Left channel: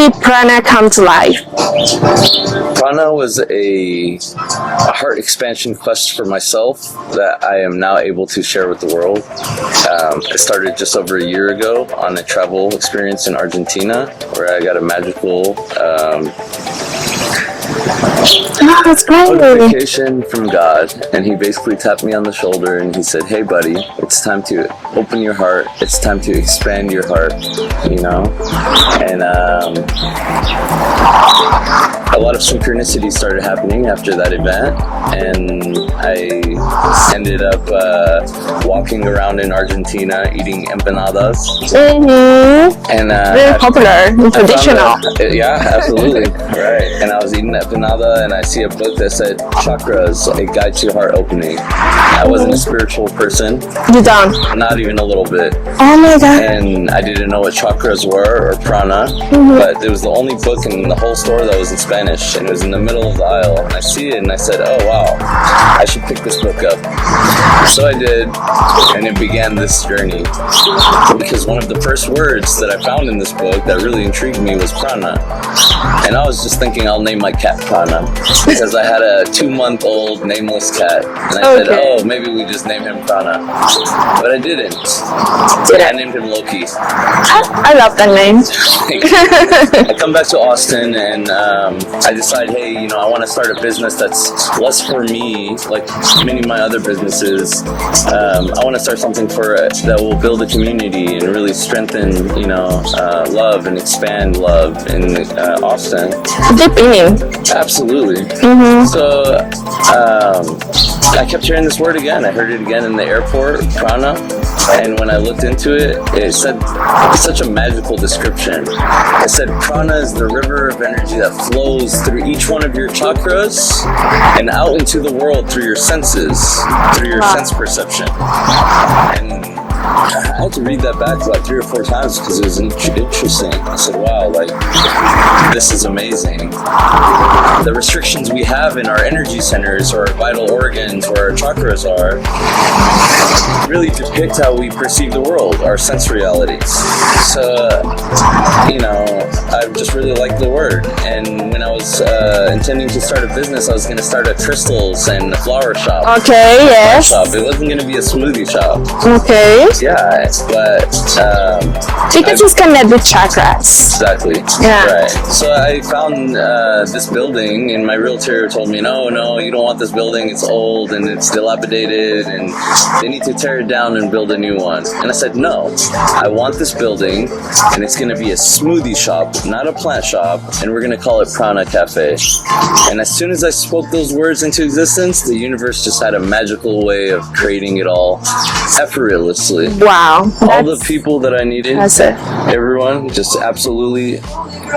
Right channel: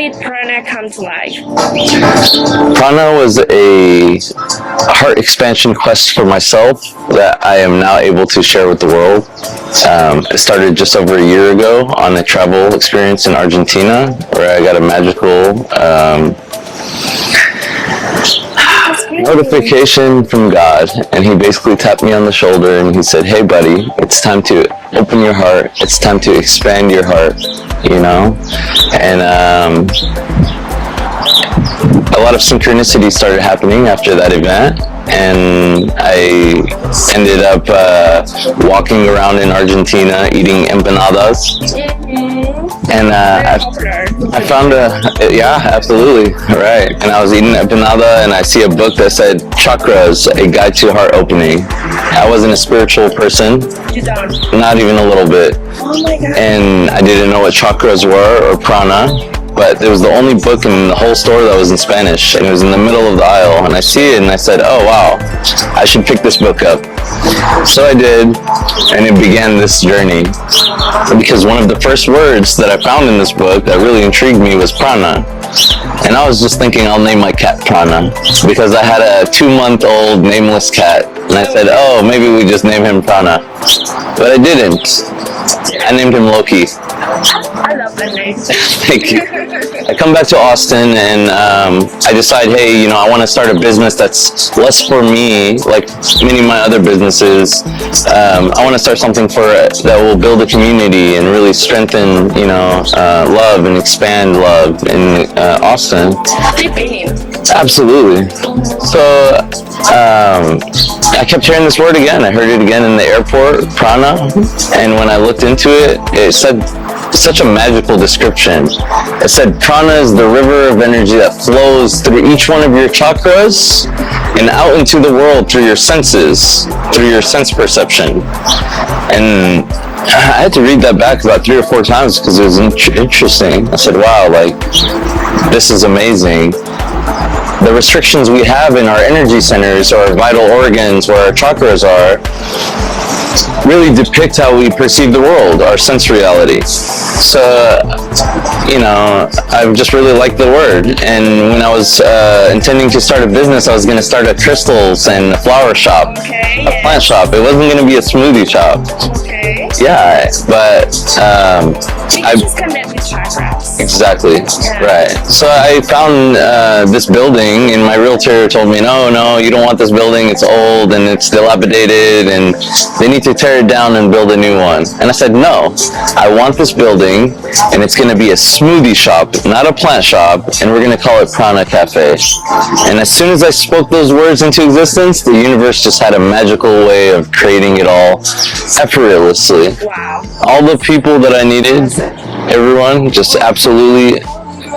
did Prana come to life? Prana was a heart expansion quest for myself that I am now able to share with the world. It started just over a year ago on a travel experience in Argentina where I got a magical That's great. notification from God, and he basically tapped me on the shoulder and he said, "Hey buddy, it's time to open your heart, it's time to expand your heart," you know. And a lot of synchronicity started happening after that event, and I ended up walking around in Argentina eating empanadas. And very popular, traditional. Yeah, absolutely, right. And I was eating empanada, and I see a book that said "Chakras: A Guide to Heart Opening." I wasn't a spiritual person. You don't? Not even a little bit. Oh my God. And I didn't know what chakras were or prana, but it was the only book in the whole store that was in Spanish, and it was in the middle of the aisle. And I see it, and I said, "Oh wow, I should pick this book up." So I did, and it began this journey. Because one of the first words that I found in this book that really intrigued me was prana. And I was just thinking I'll name my cat Prana because I had a 2-month-old nameless cat. And I said, oh, maybe we just name him Prana. But I didn't. I named him Loki. I love that name. Thank you. I come back to Austin and I decide, hey, you know, I want to start a business that's less for me, like many of my other businesses. I want to start something that will build a community and really strengthen, you know, love and expand love in Austin. Deep meaning. Absolutely. So I kept hearing this word again. I heard it again in the airport, prana. And when I looked into it, it said such a magical description. It said prana is the river of energy that flows through each one of your chakras and out into the world through your senses, through your sense perception. And I had to read that back about 3 or 4 times because it was interesting. I said, wow, like, this is amazing. The restrictions we have in our energy centers, our vital organs, where our chakras are, really depict how we perceive the world, our sense reality. So, you know, I just really liked the word. And when I was intending to start a business, I was going to start a crystals and flower shop. Okay, yes. Shop. It wasn't going to be a smoothie shop. Okay. Yeah, but because it's connected with chakras. Exactly. Yeah. Right. So I found this building, and my realtor told me, no, you don't want this building. It's old and it's dilapidated, and they need to tear it down and build a new one. And I said, no, I want this building, and it's going to be a smoothie shop, not a plant shop, and we're going to call it Prana Café. And as soon as I spoke those words into existence, the universe just had a magical way of creating it all effortlessly. Wow. All the people that I needed, everyone just absolutely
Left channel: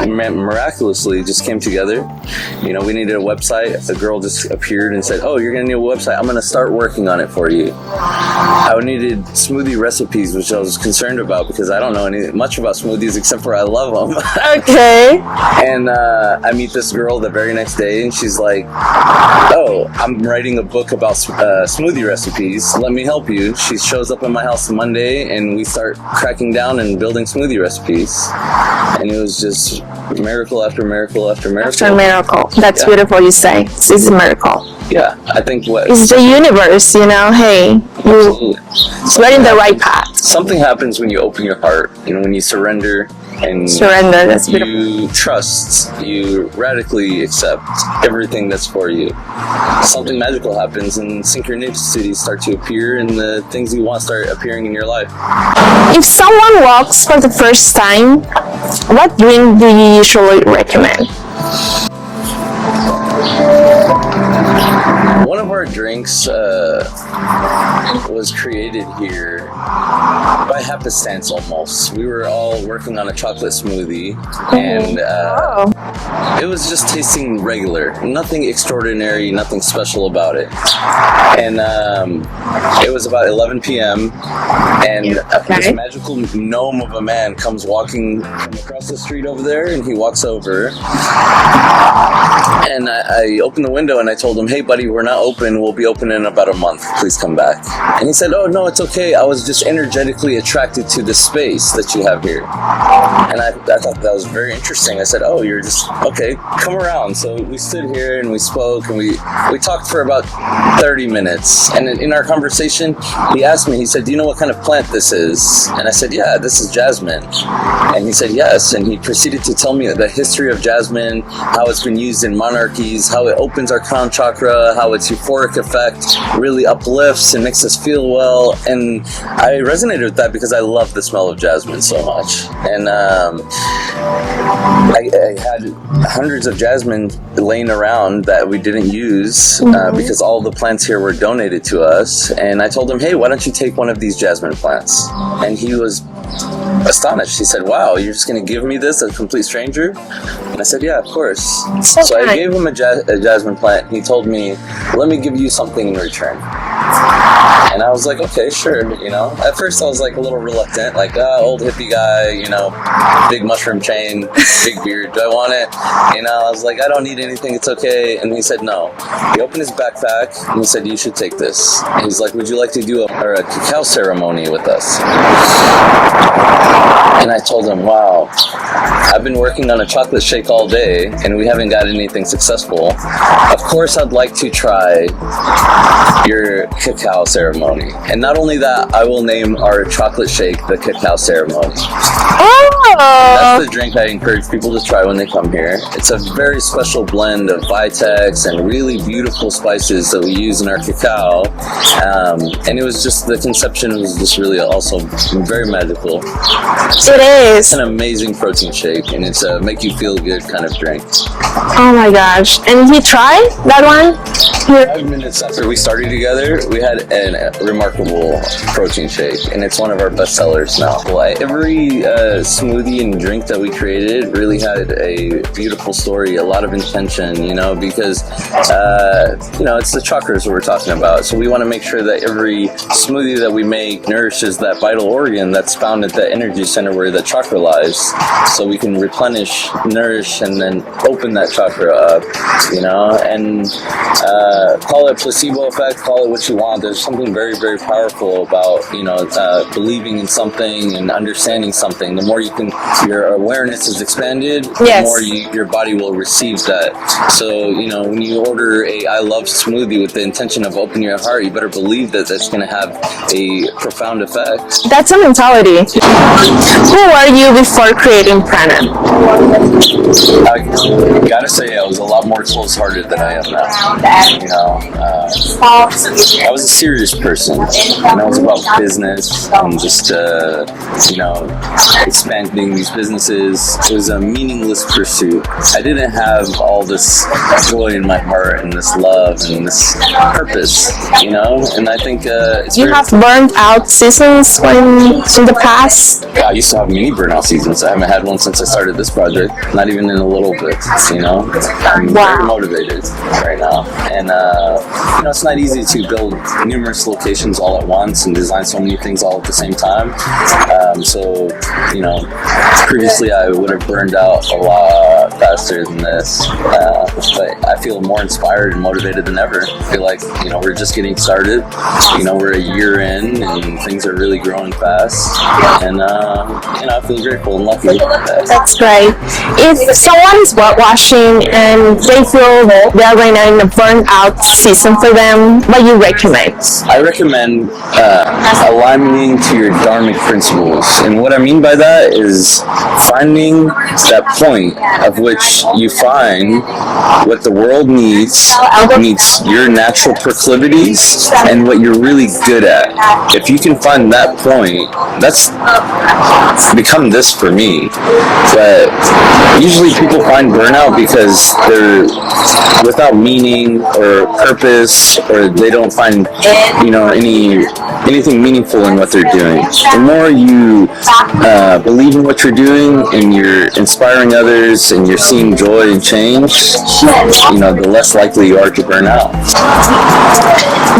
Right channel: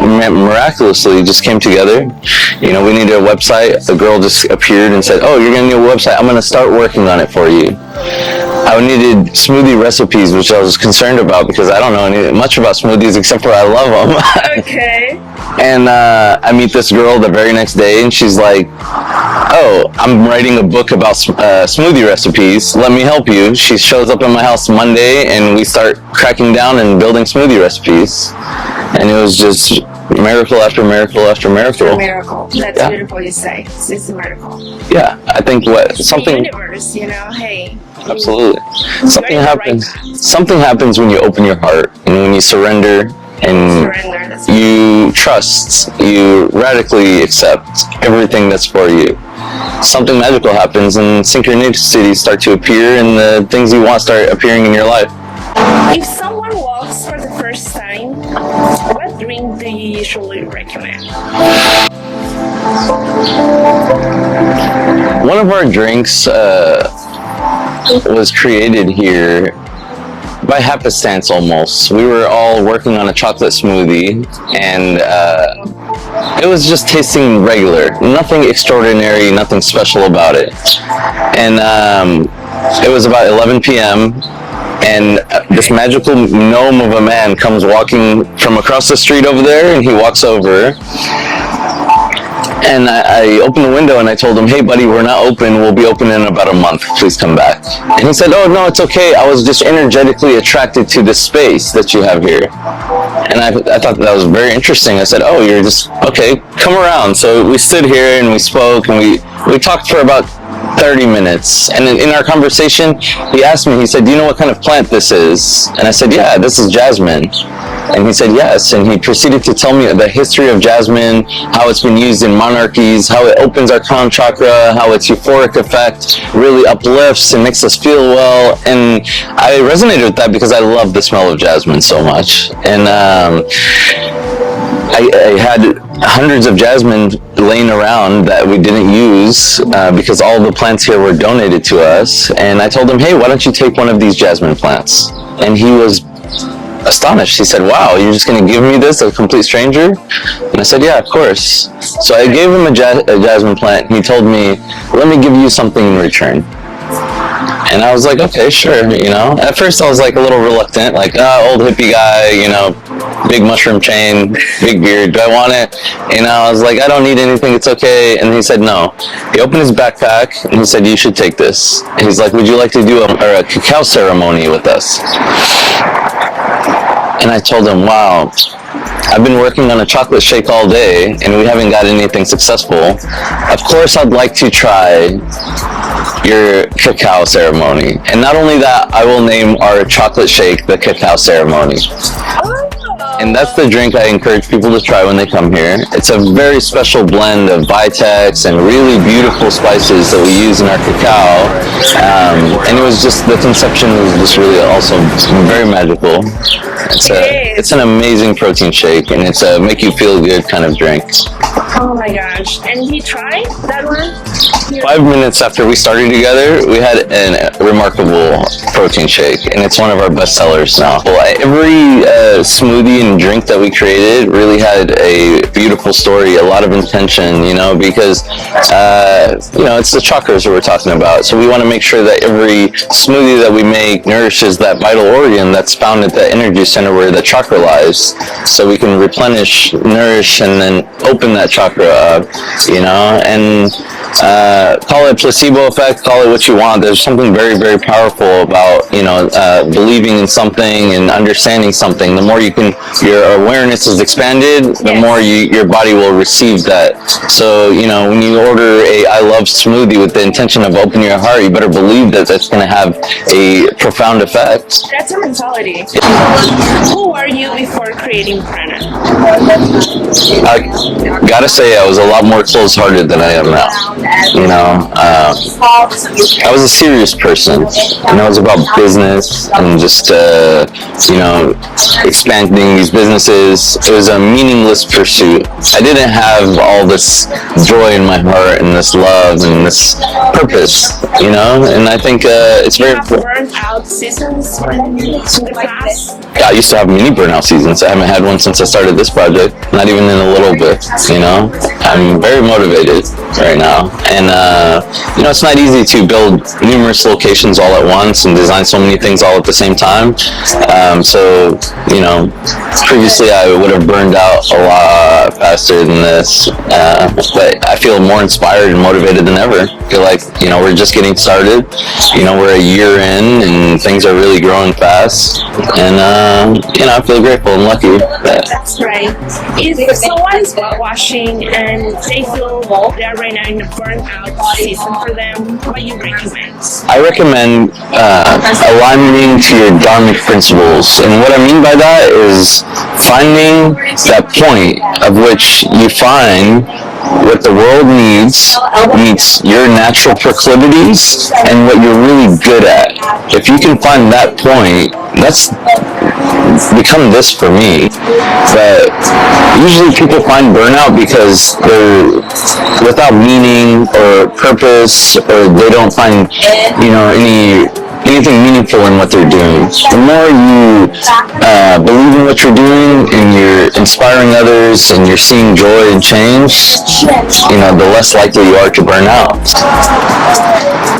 miraculously just came together. You know, we needed a website. A girl just appeared and said, oh, you're gonna need a website. I'm gonna start working on it for you. I needed smoothie recipes, which I was concerned about because I don't know much about smoothies except for I love them. Okay. And I meet this girl the very next day, and she's like, oh, I'm writing a book about smoothie recipes. Let me help you. She shows up at my house Monday, and we start cracking down and building smoothie recipes. And it was just miracle after miracle after miracle. It's a miracle. That's beautiful you say. This is a miracle. Yeah, I think it's the universe, you know, hey. Absolutely. You're in the right path. Something happens when you open your heart and when you surrender. And that's you trust, you radically accept everything that's for you. Something magical happens and synchronicities start to appear and the things you want start appearing in your life. If someone walks for the first time, what drink do you usually recommend? One of our drinks was created here by happenstance almost. We were all working on a chocolate smoothie, and it was just tasting regular. Nothing extraordinary, nothing special about it. And it was about 11 p.m. and this magical gnome of a man comes walking from across the street over there, and he walks over. And I opened the window and I told him, hey buddy, we're not open. We'll be open in about a month. Please come back. And he said, oh no, it's okay. I was just energetically attracted to the space that you have here. And I thought that was very interesting. I said, oh, you're just, okay, come around. So we stood here and we spoke and we talked for about 30 minutes. And in our conversation, he asked me, he said, do you know what kind of plant this is? And I said, yeah, this is jasmine. And he said, yes. And he proceeded to tell me the history of jasmine, how it's been used in monarchies, how it opens our crown chakra, how its euphoric effect really uplifts and makes us feel well. And I resonated with that because I love the smell of jasmine so much. And I had hundreds of jasmine laying around that we didn't use because all the plants here were donated to us. And I told him, hey, why don't you take one of these jasmine plants? And he was astonished. He said, wow, you're just going to give me this, a complete stranger? And I said, yeah, of course. So I gave him a jasmine plant. He told me, let me give you something in return. And I was like, okay, sure, you know. At first I was like a little reluctant, like, old hippie guy, you know, big mushroom chain, big beard, do I want it? You know, I was like, I don't need anything, it's okay. And he said no. He opened his backpack and he said, you should take this. And he's like, would you like to do a cacao ceremony with us? And I told him, wow, I've been working on a chocolate shake all day and we haven't got anything successful. Of course I'd like to try your cacao ceremony. And not only that, I will name our chocolate shake the cacao ceremony. And that's the drink I encourage people to try when they come here. It's a very special blend of Vitex and really beautiful spices that we use in our cacao. And it was just, the conception was just really also very magical. It's an amazing protein shake, and it's a make you feel good kind of drink. Oh my gosh. And he tried that one? 5 minutes after we started together, we had a remarkable protein shake, and it's one of our best sellers now. Every smoothie and drink that we created really had a beautiful story, a lot of intention, you know, because, you know, it's the chakras that we're talking about. So we want to make sure that every smoothie that we make nourishes that vital organ that's found at the energy center where the chakra lies, so we can replenish, nourish, and then open that chakra up, you know, and call it placebo effect, call it what you want. There's something very, very powerful about, you know, believing in something and understanding something. The more your awareness is expanded, the more your body will receive that. So, you know, when you order a I love smoothie with the intention of opening your heart, you better believe that that's going to have a profound effect. That's a mentality. Who were you before creating Prana? I gotta say, I was a lot more close-hearted than I am now. You know, I was a serious person, and I was about business and just, you know, expanding these businesses. It was a meaningless pursuit. I didn't have all this joy in my heart and this love and this purpose, you know, and I think it's You have burned out seasons in the past? I used to have many burnout seasons. I haven't had one since I started this project, not even in a little bit, you know. I'm very motivated right now. And, you know, it's not easy to build numerous locations all at once and design so many things all at the same time. So, you know, previously I would have burned out a lot faster than this. But I feel more inspired and motivated than ever. I feel like, you know, we're just getting started. You know, we're a year in and things are really growing fast. And, you know, I feel grateful and lucky. That's great. If someone is watching and they feel they're right now in a burnout season for them, what do you recommend? I recommend aligning to your dharmic principles. And what I mean by that is finding that point of which you find what the world needs meets your natural proclivities and what you're really good at. If you can find that point, that's become this for me. But usually people find burnout because they're without meaning or purpose, or they don't find, you know, anything meaningful in what they're doing. The more you believe in what you're doing and you're inspiring others and you're seeing joy and change, you know, the less likely you are to burn out.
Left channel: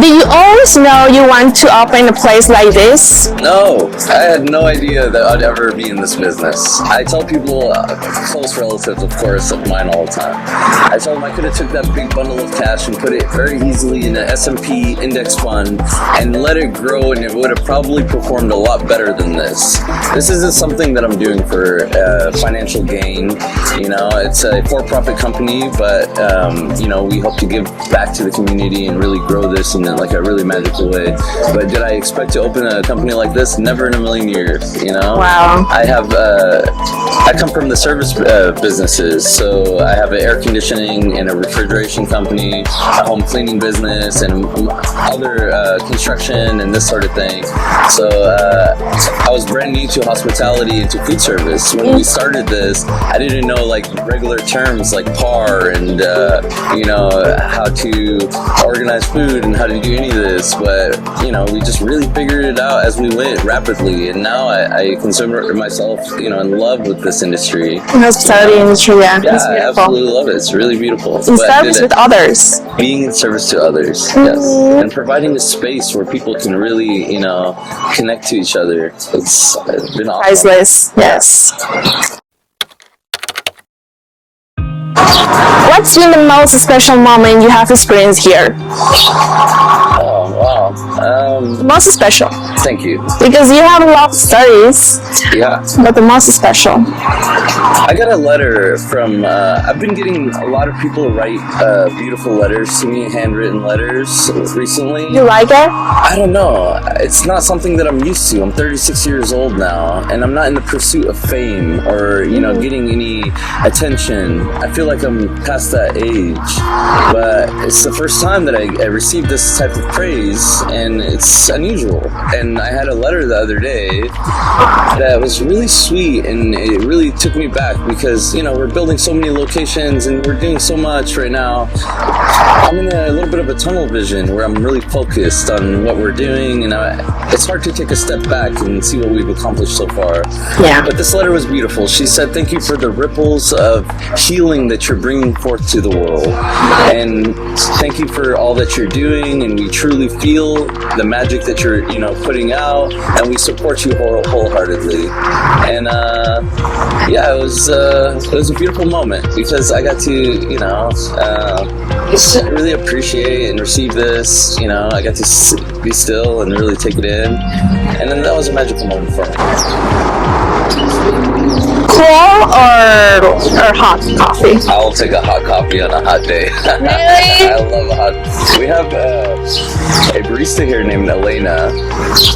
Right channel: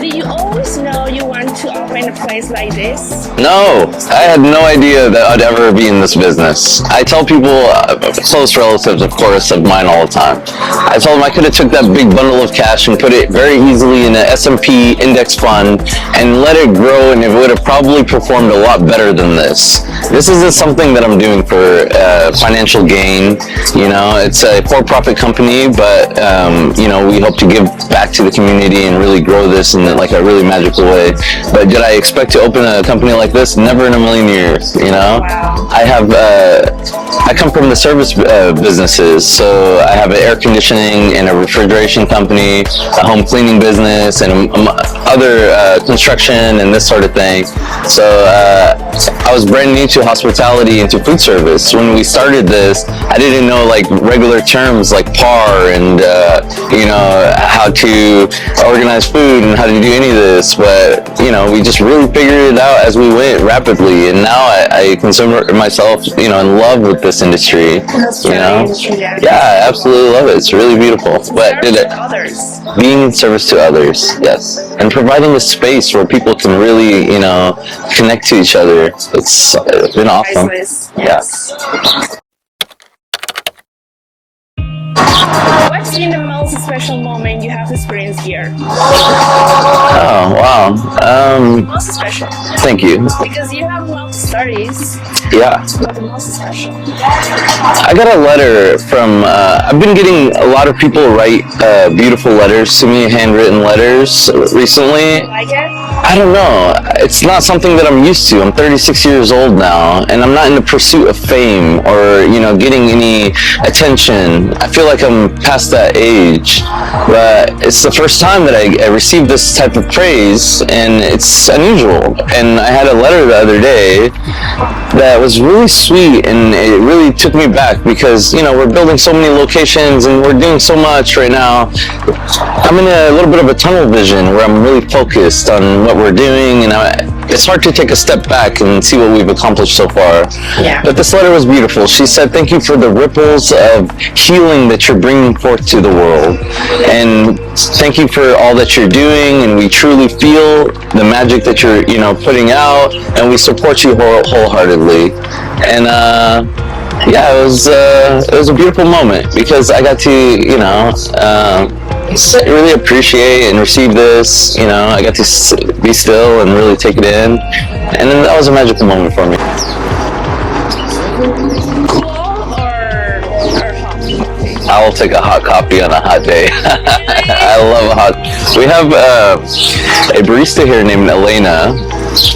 Do you always know you want to open a place like this? No, I had no idea that I'd ever be in this business. I tell people, close relatives, of course, of mine all the time. I told them I could have took that big bundle of cash and put it very easily in an S&P index fund and let it grow, and it would have probably performed a lot better than this. this isn't something that I'm doing for financial gain. You know, it's a for-profit company, but you know, we hope to give back to the community and really grow this in like a really magical way. But did I expect to open a company like this? Never in a million years. You know, Wow. I come from the service businesses, so I have an air conditioning and a refrigeration company, a home cleaning business, and other construction and this sort of thing. So I was brand new to hospitality and to food service. When we started this, I didn't know like regular terms like PAR and you know, how to organize food and how to do any of this. But you know, we just really figured it out as we went rapidly, and now I consider myself, you know, in love with this industry. Hospitality industry, yeah. Yeah, I absolutely love it. It's really beautiful. In service with others. Being in service to others, yes, and providing a space where people can really, you know, connect to each other. It's been awesome. Priceless, yes. What's been the most special moment you have experienced here? Oh, wow. Most special. Thank you. Because you have a lot of stories, Yeah. but the most special. I got a letter from, I've been getting a lot of people write beautiful letters to me, handwritten letters recently. You like it? I don't know. It's not something that I'm used to. I'm 36 years old now, and I'm not in the pursuit of fame or, you know, getting any attention. I feel like I'm past that age, but it's the first time that I received this type of praise, and it's unusual. And I had a letter the other day that was really sweet, and it really took me back because, you know, we're building so many locations and we're doing so much right now. I'm in a little bit of a tunnel vision where I'm really focused on what we're doing, and it's hard to take a step back and see what we've accomplished so far. Yeah. But this letter was beautiful. She said, "Thank you for the ripples of healing that you're bringing forth to the world, and thank you for all that you're doing, and we truly feel the magic that you're, you know, putting out, and we support you wholeheartedly." And yeah, it was a beautiful moment because I got to, you know, really appreciate and receive this. You know, I got to be still and really take it in, and then that was a magical moment for me. Cool or hot coffee? I'll take a hot coffee on a hot day. I love a hot. We have a barista here named Elena.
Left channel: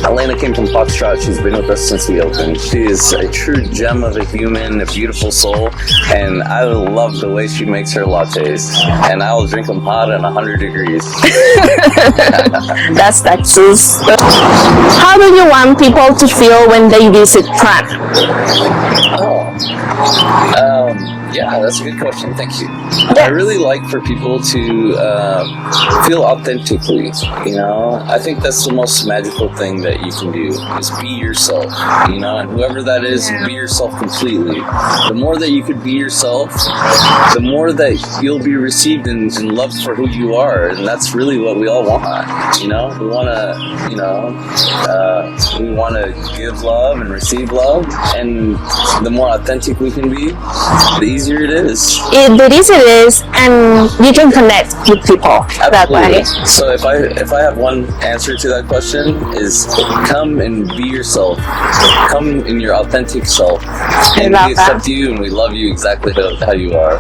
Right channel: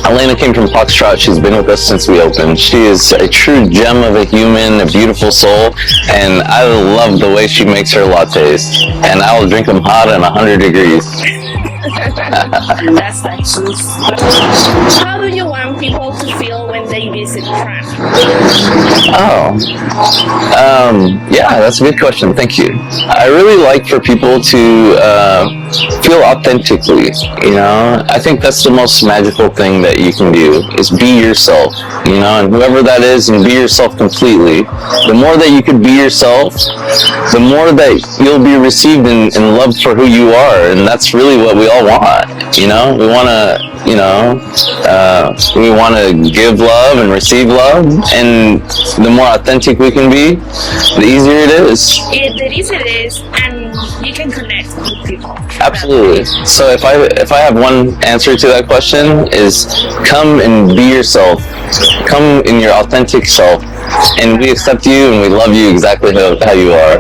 Elena came from Foxtrot. She's been with us since we opened. She is a true gem of a human, a beautiful soul, and I love the way she makes her lattes. And I will drink them hot and 100 degrees. That's Texas. How do you want people to feel when they visit Prana? Yeah, that's a good question. Thank you. I really like for people to feel authentically. You know, I think that's the most magical thing that you can do is be yourself. You know, and whoever that is, and be yourself completely. The more that you can be yourself, the more that you'll be received and loved for who you are, and that's really what we all want. You know, we want to, you know, we want to give love and receive love, and the more authentic we can be, the easier it is. The easier it is, and you can connect with people that way. So if I have one answer to that question is come and be yourself. Come in your authentic self, and we accept you and we love you exactly how you are.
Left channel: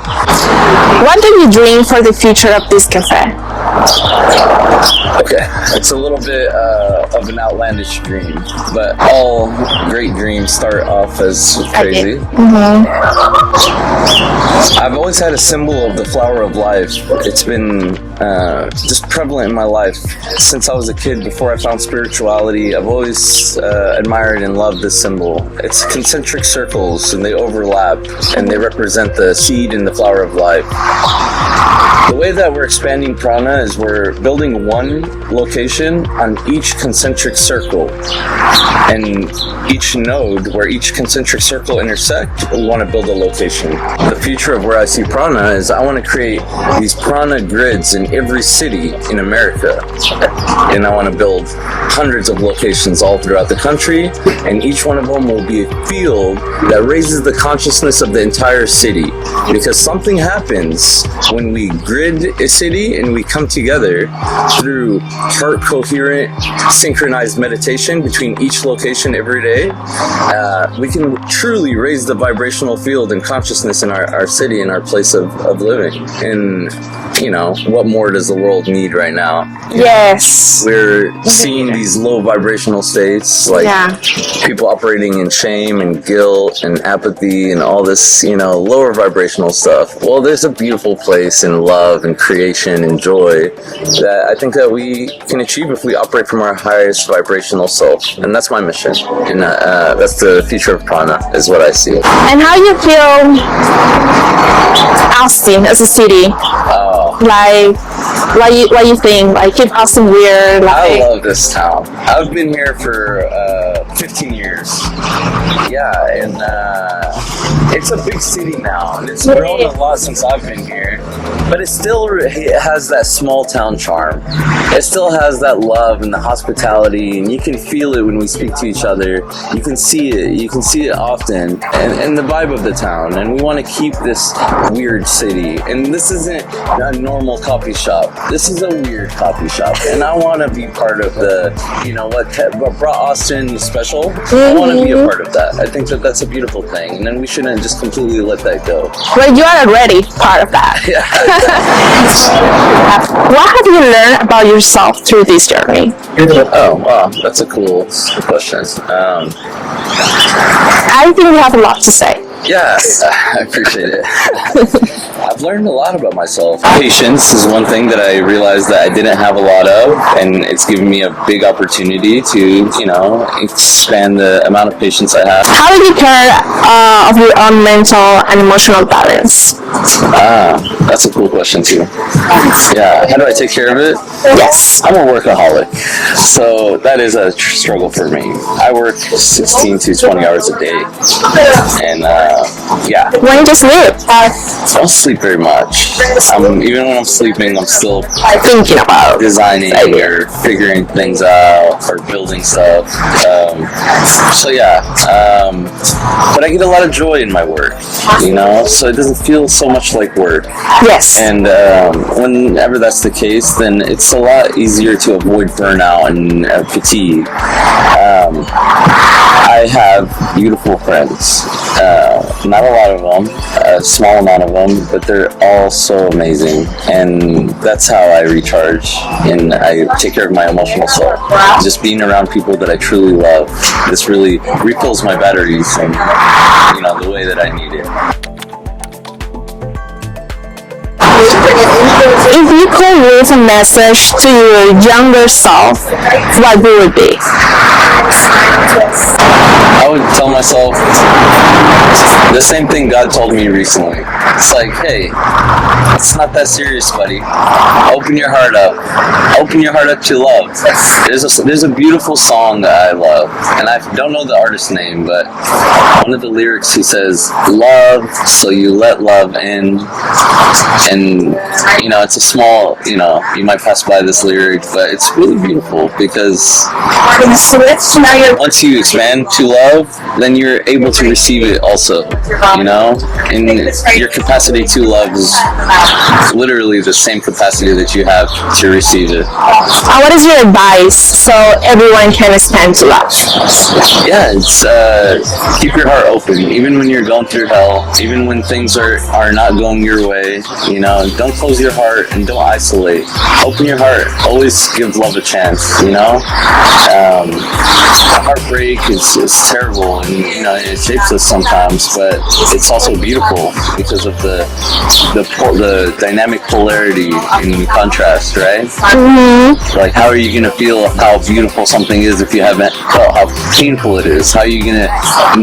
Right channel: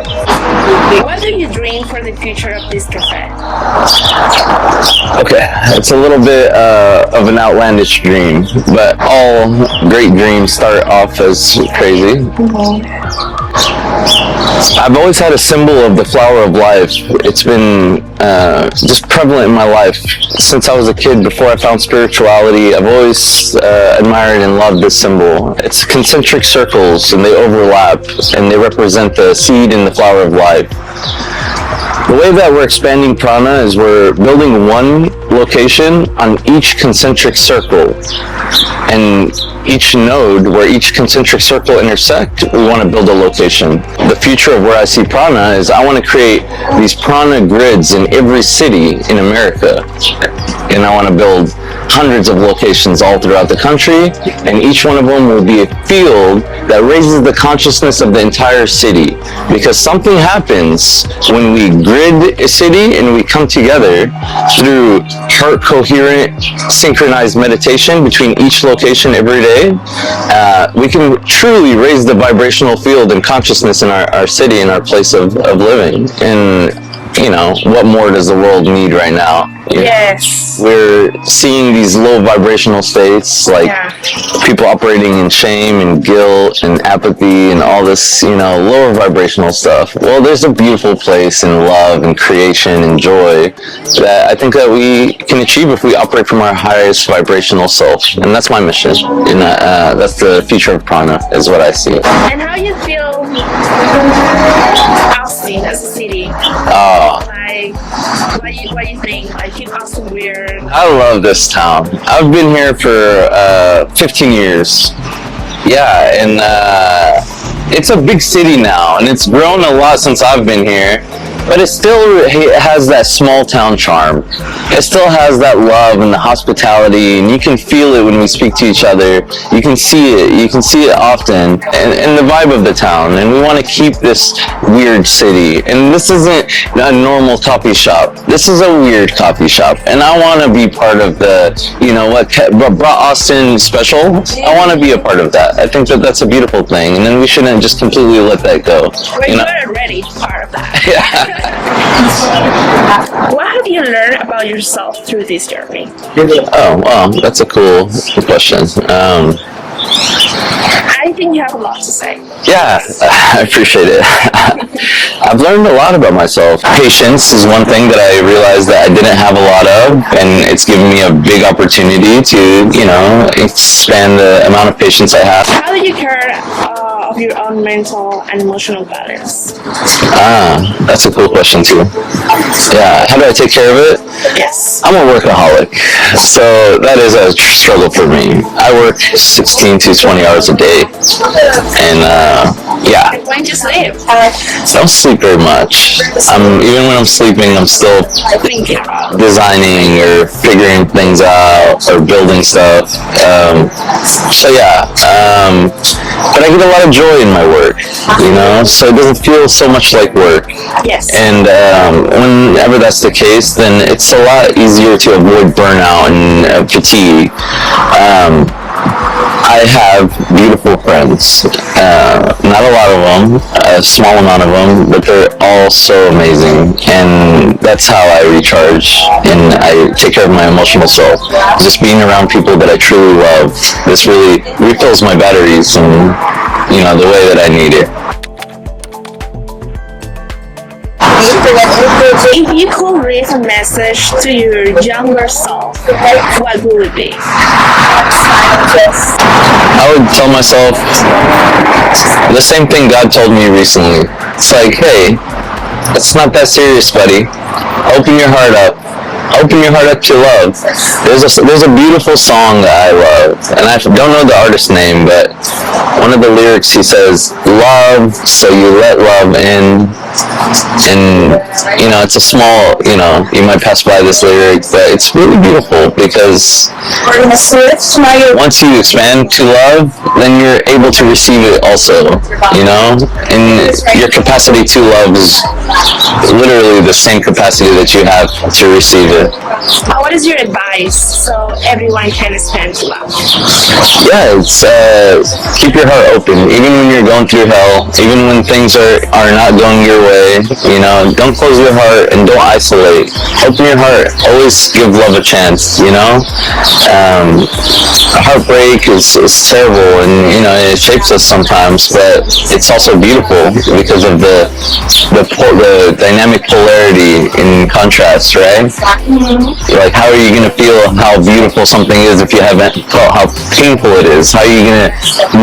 What do you dream for the future of this cafe? Okay, it's a little bit of an outlandish dream, but all great dreams start off as crazy. I've always had a symbol of the flower of life. It's been just prevalent in my life since I was a kid. Before I found spirituality, I've always admired and loved this symbol. It's concentric circles, and they overlap, and they represent the seed and the flower of life. The way that we're expanding Prana is we're building one location on each concentric circle, and each node where each concentric circle intersect, we want to build a location. The future of where I see Prana is I want to create these Prana grids in every city in America, and I want to build hundreds of locations all throughout the country, and each one of them will be a field that raises the consciousness of the entire city. Because something happens when we grid a city and we come together through heart coherent, synchronized meditation between each location every day. We can truly raise the vibrational field and consciousness in our city and our place of living. And you know, what more does the world need right now? You Yes. know, we're seeing these low vibrational states, like people operating in shame and guilt and apathy and all this, you know, lower vibrational stuff. Well, there's a beautiful place in love and creation and joy that I think that we can achieve if we operate from our highest vibrational self. And that's my mission. And that's the future of Prana, is what I see. And how you feel Austin as a city? Like, what you think? Like, keep Austin weird? Like, I love this town. I've been here for 15 years. Yeah, and it's a big city now, and it's grown a lot since I've been here. But it still has that small town charm. It still has that love and the hospitality, and you can feel it when we speak to each other. You can see it. You can see it often in the vibe of the town. And we want to keep this weird city. And this isn't a normal coffee shop. This is a weird coffee shop. And I want to be part of the, you know, what brought Austin special. I want to be a part of that. I think that that's a beautiful thing. And then we shouldn't just completely let that go. well, you are already part of that. Yeah. What have you learned about yourself through this journey? Oh, wow, that's a cool question. I think you have a lot to say. Yeah, I appreciate it. I've learned a lot about myself. Patience is one thing that I realized that I didn't have a lot of, and it's given me a big opportunity to, you know, expand the amount of patience I have. How do you care of your own mental and emotional balance? That's a cool question too. Yeah, how do I take care of it? Yes. I'm a workaholic, so that is a struggle for me. I work 16 to 20 hours a day, and yeah. When you just sleep? I don't sleep very much. Even when I'm sleeping, I'm still Thinking about designing or figuring things out or building stuff. So yeah, but I get a lot of joy in my work, you know, so it doesn't feel so much like work. Yes. And whenever that's the case, then it's a lot easier to avoid burnout and fatigue. I have beautiful friends, not a lot of them, a small amount of them, but they're all so amazing, and that's how I recharge and I take care of my emotional self. Just being around people that I truly love, this really refills my batteries and, you know, the way that I need it. If you could leave a message to your younger self, what would it be? I would tell myself the same thing God told me recently. It's like, hey, it's not that serious, buddy. Open your heart up. Open your heart up to love. There's a beautiful song that I love, and I don't know the artist's name, but one of the lyrics, he says, love, so you let love in. And, you know, it's a small, you know, you might pass by this lyric, but it's really beautiful because once you expand to love, then you're able to receive it also, you know? And your capacity to love is literally the same capacity that you have to receive it. What is your advice so everyone can expand to love? Yeah, it's keep your heart open, even when you're going through hell, even when things are not going your way. You know, don't close your heart and don't isolate. Open your heart. Always give love a chance. You know, heartbreak is terrible, and you know it shapes us sometimes, but it's also beautiful because of the dynamic polarity in contrast, right? Like, how are you gonna feel how beautiful something is if you haven't felt how painful it is? How are you gonna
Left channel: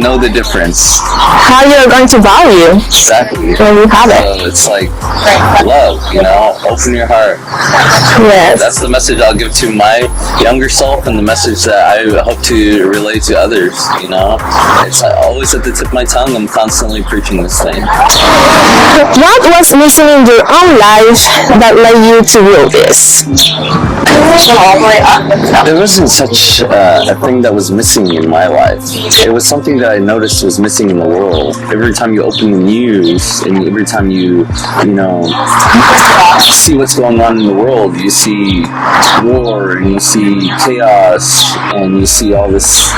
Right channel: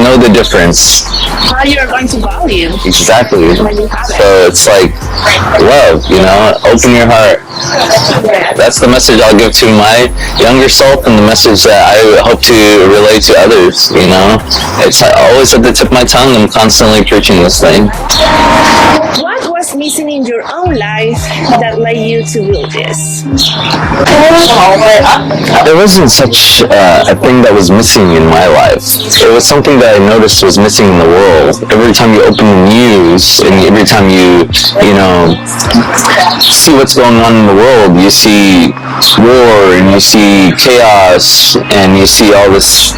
know the difference? How you're going to value Exactly. when you have it. So it's like love, you know, open your heart. Yes. That's the message I'll give to my younger self, and the message that I hope to relate to others, you know. It's always at the tip of my tongue. I'm constantly preaching this thing. What was missing in your own life that led you to will this? There wasn't such a thing that was missing in my life. It was something that I noticed was missing in the world. Every time you open the news and every time you see what's going on in the world, you see war and you see chaos and you see all this,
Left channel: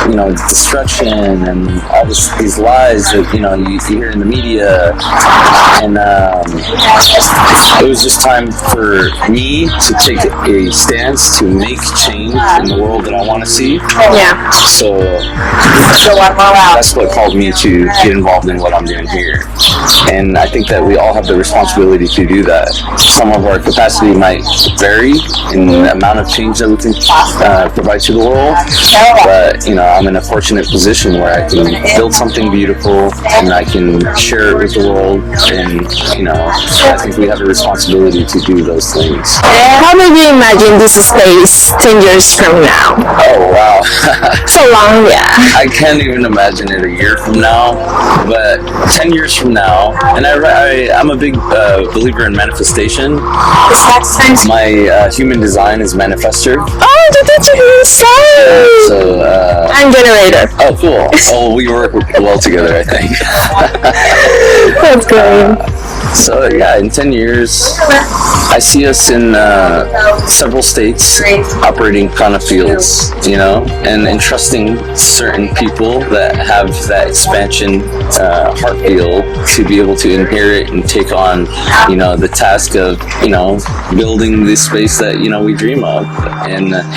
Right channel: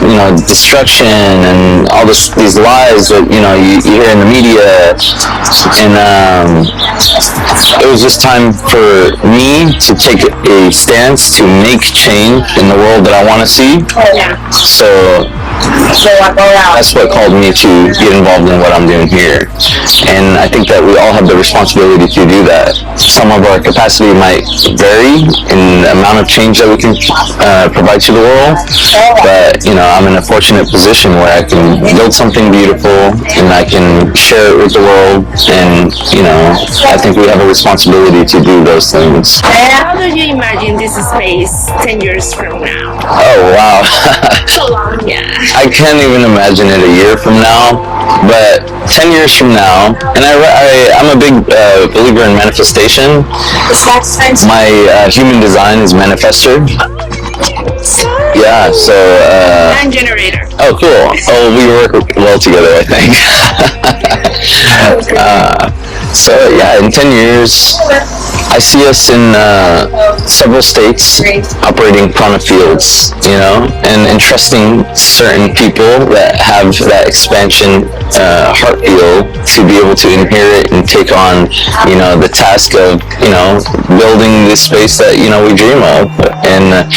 destruction and all these lies that, you hear in the media. And it was just time for me to take a stance to make change in the world that I want to see. Yeah. So that's what called me to get involved in what I'm doing here. And I think that we all have the responsibility to do that. Some of our capacity might vary in the amount of change that we can provide to the world. But, I'm in a fortunate position where I can build something beautiful and I can share it with the world. And, I think we have a responsibility to do those things. How do you imagine this space 10 years from now? Oh, wow. So long, yeah. I can't even imagine it a year from now, but 10 years from now, and I'm a big believer in manifestation. My human design is manifester. Oh, did you say? Yeah, so... I'm generator. Oh, cool. Oh, we work well together, I think. That's good. So yeah, in 10 years, I see us in several states operating prana fields, and entrusting certain people that have that expansion heart field to be able to inherit and take on, the task of, building this space that, we dream of. And,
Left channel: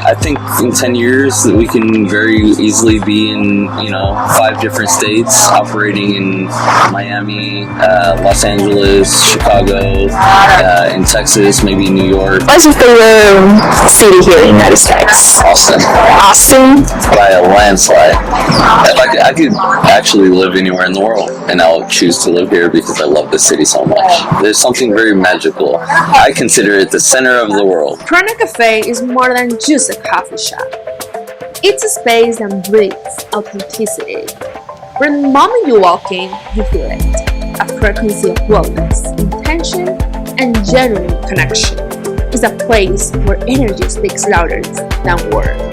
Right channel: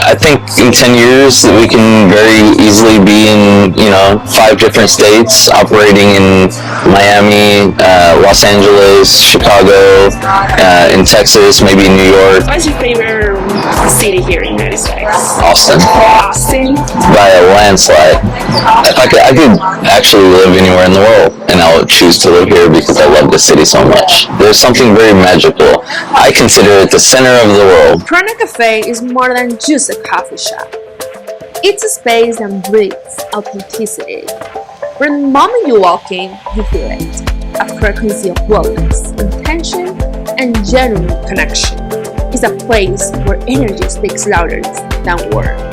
I think in 10 years that we can very easily be in, 5 different states, operating in Miami, Los Angeles, Chicago, in Texas, maybe New York. What's your favorite city here in the United States? Austin. Austin? By a landslide. If I could actually live anywhere in the world, and I would choose to live here because I love the city so much. There's something very magical. I consider it the center of the world. Prana Café is more than just a coffee shop. It's a space that breathes authenticity. From the moment you walk in, you feel it. A frequency of wellness, intention, and genuine connection. It's a place where energy speaks louder than words.